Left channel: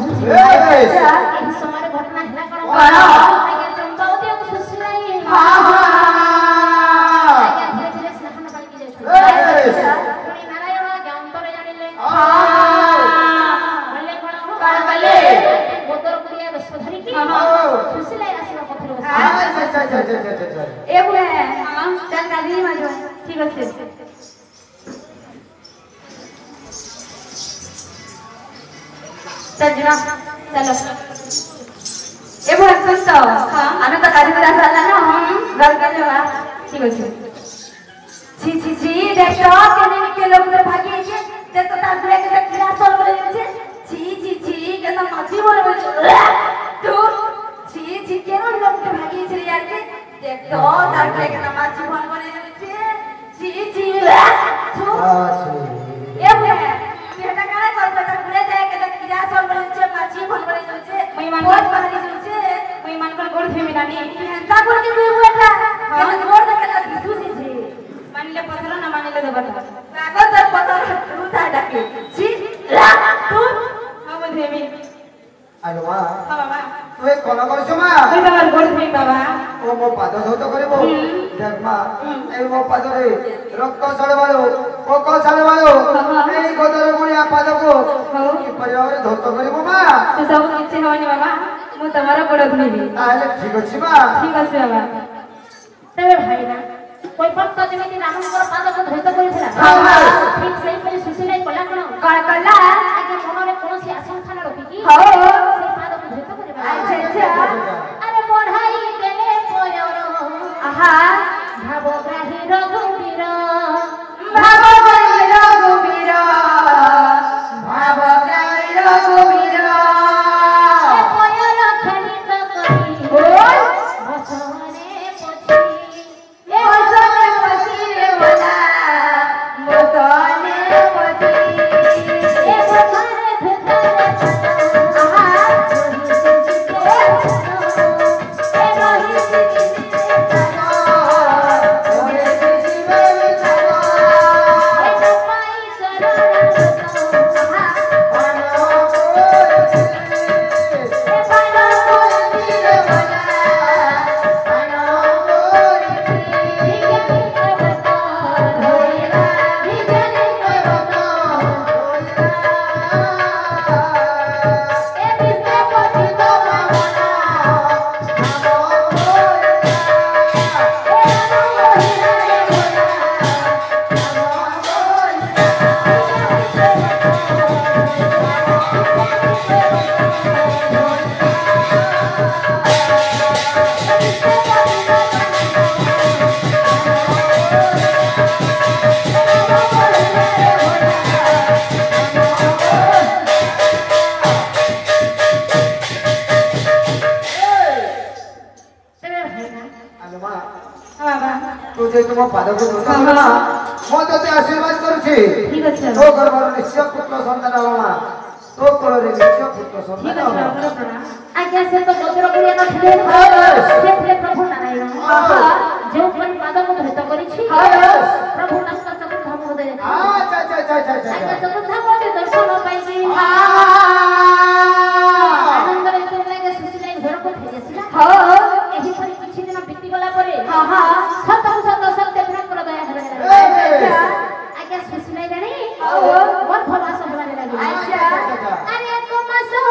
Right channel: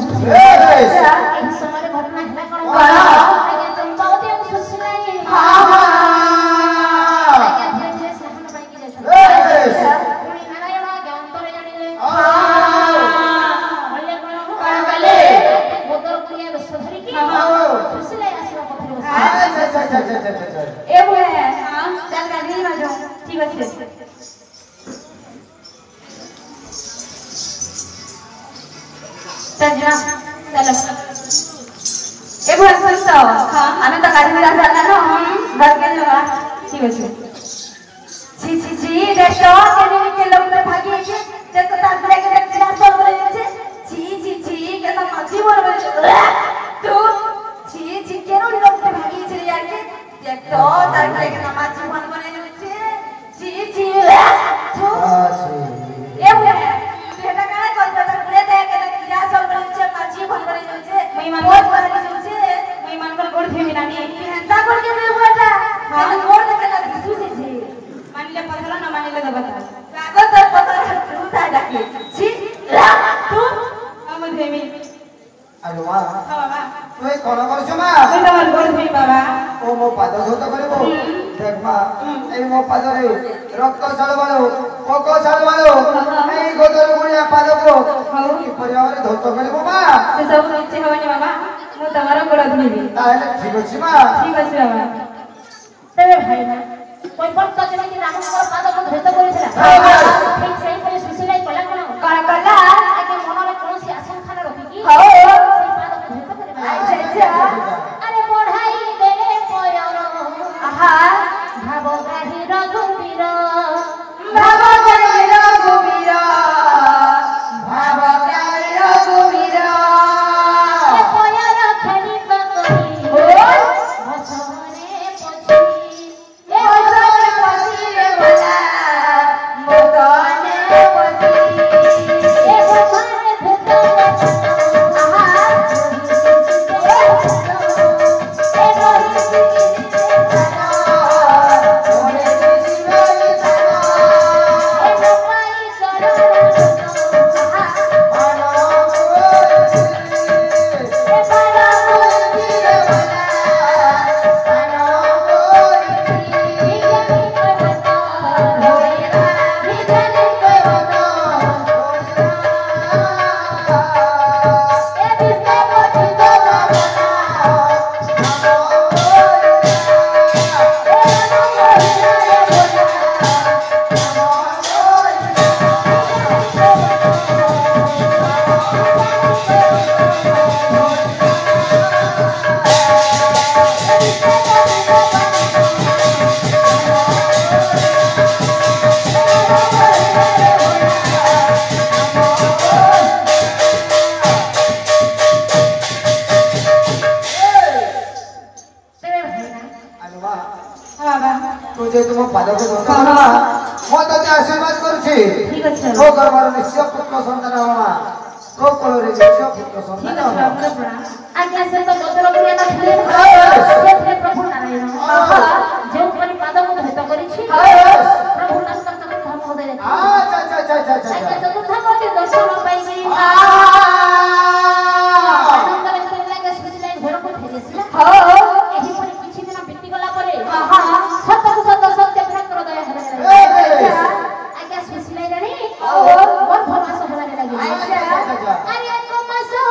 पहुंची एही समय घटना हला कौन आगे चंपावती को सुसिलाई हां आगे धीरे धीरे स्नान पाई की जाय पुनी नारायण आगे अंतर जानिले बोले कौन बोले गोदर करिया बेस धरि की सुसिलाई आसीबा पथरे बस ए बुए हां चल गाड़ी में जाओ ठीक है चल चलो ए भगवान तो हां आने तो गाड़ी में चलना ना घर के जगह ठीक है छी रेस्टोरेंट के लिए के लोग ने भागी के जब तो तांत्रे के देखला सब बोले छे छी के तो मछली बोले तो छी के लोग ने भागी छे यार के देख तो तांत्रे के तो मछली बोले छे छी ए बुआ बेटा काहे करता पूरे देख के किरा सब बोले छे मछली बोले छे महिमान बहुत बारी छे महिमान को गोड़ थे मिलानी ता गोड़ के भी हुआ था हां गोड़ देख के दूसरी छे मानले पथरा ना मानले दे बता लागो तो पथरा तू था डाके छी तू हम देवी अरे वाह हां बाबा तू कोन करछो मा कोन बाबा गोड़ थे बाबा ओ मो पाद सहित करबो देख मा ए मो पाद रे रक्त छलबालो कोको छलबालो ए गोदर गुणिया पाद को की परिवार धोत करबो मा से सब इच्छा हवानी बाबा मु तमारो गोड़ धुनिबी ताले ठीक अछि मा ठीक अछि बाबा तेरे भाई ना कोई पण तो देवी रामकर पाद को धोत करिथिला ठीक सही करे सुसिलाई कला कोन कला आगे मनरे कोनसी आशंका न रखी की हो से पाद को धोत करे अच्छा अरे पढ़ाई देले पयर आहा भाव ग्राही रघुवीर भाव ग्राही रघुवीर भाव ग्राही रघुवीर ए पयर खनित करी भसरे पछी ए भसरे पछी रे बोला मोतने पछी ए भसरे धुत आहा तुझे तुम पाद को धोता ना मो तते आशीर्वाद करूछी ठीक अछि ओ गर्भर निश्चय पुत्र संतान होमा को कोले निश्चय पुत्र संतान होमा आज्ञा से तो गोत्र गुरिया ना खेले से प्रभु नारायण जो कोई पाद को धोत करिछि प्रभु नस्त धर्म दे अच्छा चतुर्थ कोटि दर्शन पाई गई आनंद रे तो लागे सुजिलाई घर को भेजेसिला एही परि किछि दिन बीती गला परे सत सत्य प्रेम कर दया हरे आज्ञा सुजिलाई रे बहुत भला से हमारे लगे अरे तो मासो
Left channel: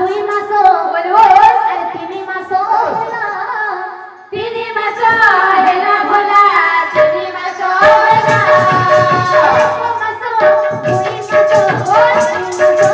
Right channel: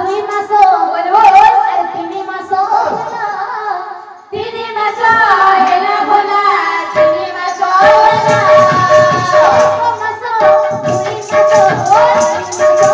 दुई मासो बोलो अरे तीन मासो हेला भला तीन मासो हेला मासो दुई मासो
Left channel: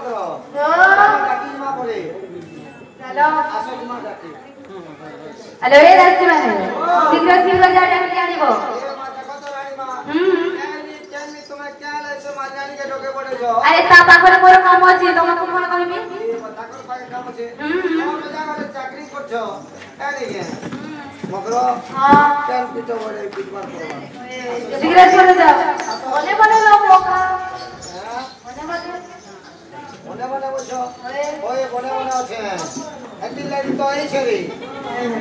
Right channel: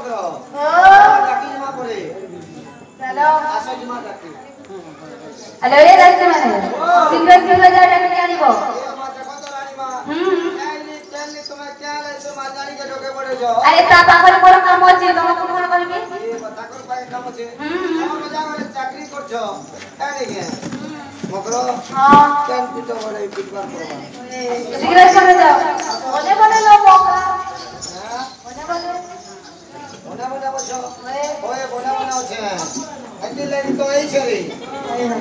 মগ্র ও ডাকি মা করে চলো আসো মা ডাকি আরে এ রাস্তে মানে শীঘ্র শীঘ্র যাও ডাকি আনিব এ মা দেখো তো রানী মা এই তেলি তুমি কেন এসে মা জানি কে ঢোকে পড়ে যাও আরে তা পাখরে মোর কাম আছে তোমাকে কোন কইবি এ তাকর পায়ে কাম আছে তোমরা জায়গায় চাকরি করছো এই দেখে মগ্র হ্যাঁ কেন পিটো বড়ে পিটবার করবা শীঘ্র চলে যাও বলে বলে লো বোকা হ্যাঁ বলে বলে মনে মনে বলছো ওই মনে মনে আছে একদিন লাগি তো এই ছেড়ে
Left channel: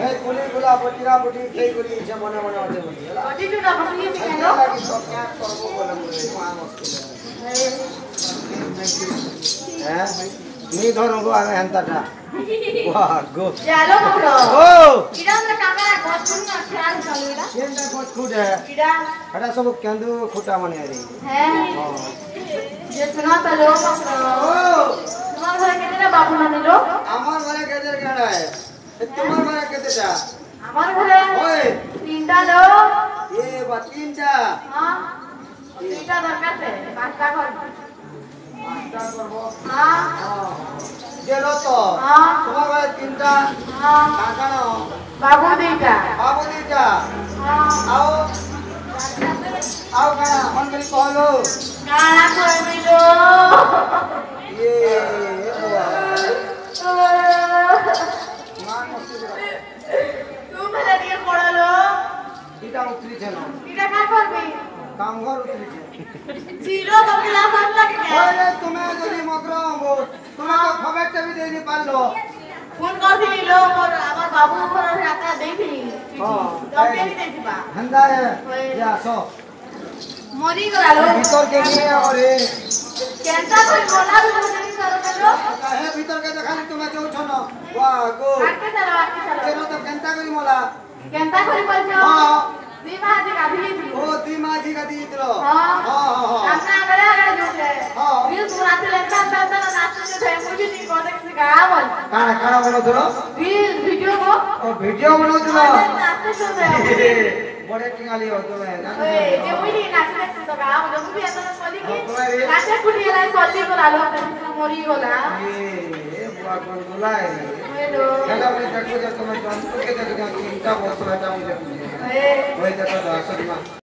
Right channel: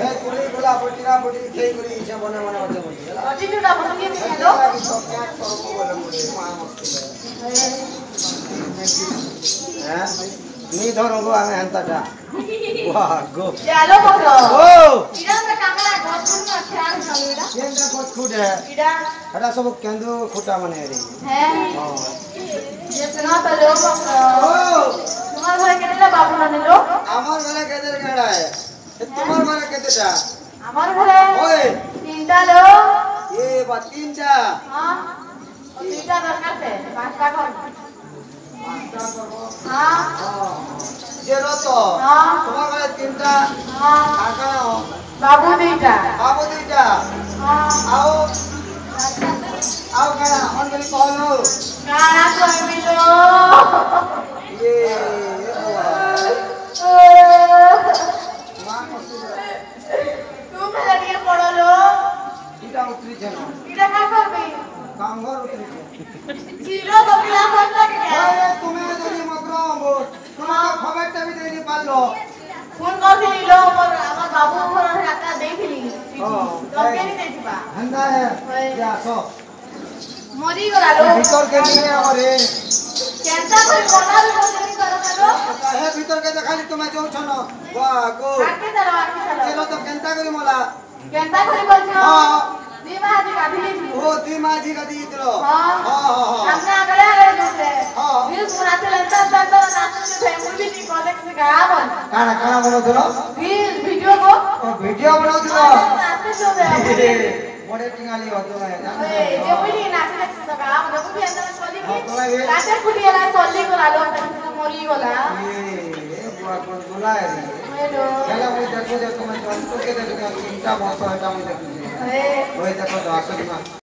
এই কুলি গুলা পটিরা পটি খেয়ে করি এসে মনে মনে আছে বলি অটিটুটা বলি খেলো লাগি সব এক করব বলে বলে মা মুশকিল হ্যাঁ নি ধরঙ্গো আমি হেনতাটা বাহ গো চলো বলো ও ইরা আমরা কামরা গছুন না খেয়াল চলুদা কেনটা কত খুঁটে ইরা এটা সব কেন্দু খুঁটা মানে রে হ্যাঁ হ্যাঁ যে শোনা পেলো ও তোমার ঘরে কেটেলা বাবু না নিলো আমার ঘরে কেদের কেড়ায় তোমার ঘরে কেতেটা আমার ঘরে ওই তিনটা লোক এ বা তিনটা হ্যাঁ তিনটা দরকার আছে পাঁচটা ঘর পাঁচটা করব হ্যাঁ যে রত হ্যাঁ তোমার ঘরে তিনটা হ্যাঁ কাকানো বাবু দুইটা বাবু দুইটা হ্যাঁ আও আও কেনা অন্তরি কহলো কানা কইবি গো এ মার মস্তি তুমি লাগিয়ে পড়ালো এটা উতরিছে না এটা না করবি কাম ঘর উতরিছে ছিল তো ক্লাস লাগে আরে তুমি যদি মগরা হবো তোমার খবরটা বি দেইনি পারলো ফোন করছিল আমার বাবু ঘরে রাতা দেইছিলি তবে দিবা হন্দা যে আসো মরি গেল ভিতর কে নিয়ে আরে কেনটা করে বলার বলে করলো হে ভিতর কে দেখালি তুমি যাওছ না বাহ গো আটকে দাও কেন তো কেনটা করি মলা কেনটা করে বলছো হ্যাঁ দিমা আজ গাধি ও তুই মাঝি কা দিয়ে দিল হ্যাঁ হ্যাঁ হ্যাঁ আপনি আগলে আগলে দিতে হ্যাঁ বিল পুরাতে লেনটা দাদা নাচতে যে মুভি নি প্রজেক্ট গাব কানা কানা বলে দিল বিল ভিডিও কো ও ভিডিও বলে দিল নাচতে যে বড়ে টিঙালি হতো না ওই যে মুভি নাচতে তো গাব মুভি এত কলি কি নাচে কুটি এলা কলি কোলা লোক মরি গলা এ বুয়া কোন গুলাই হ্যালো চলো আমি দেখো যে তোমার জন্তুকে দেখো চিন্তা বসো এটা আমি দেখি এ ওই দেখো তো আসলে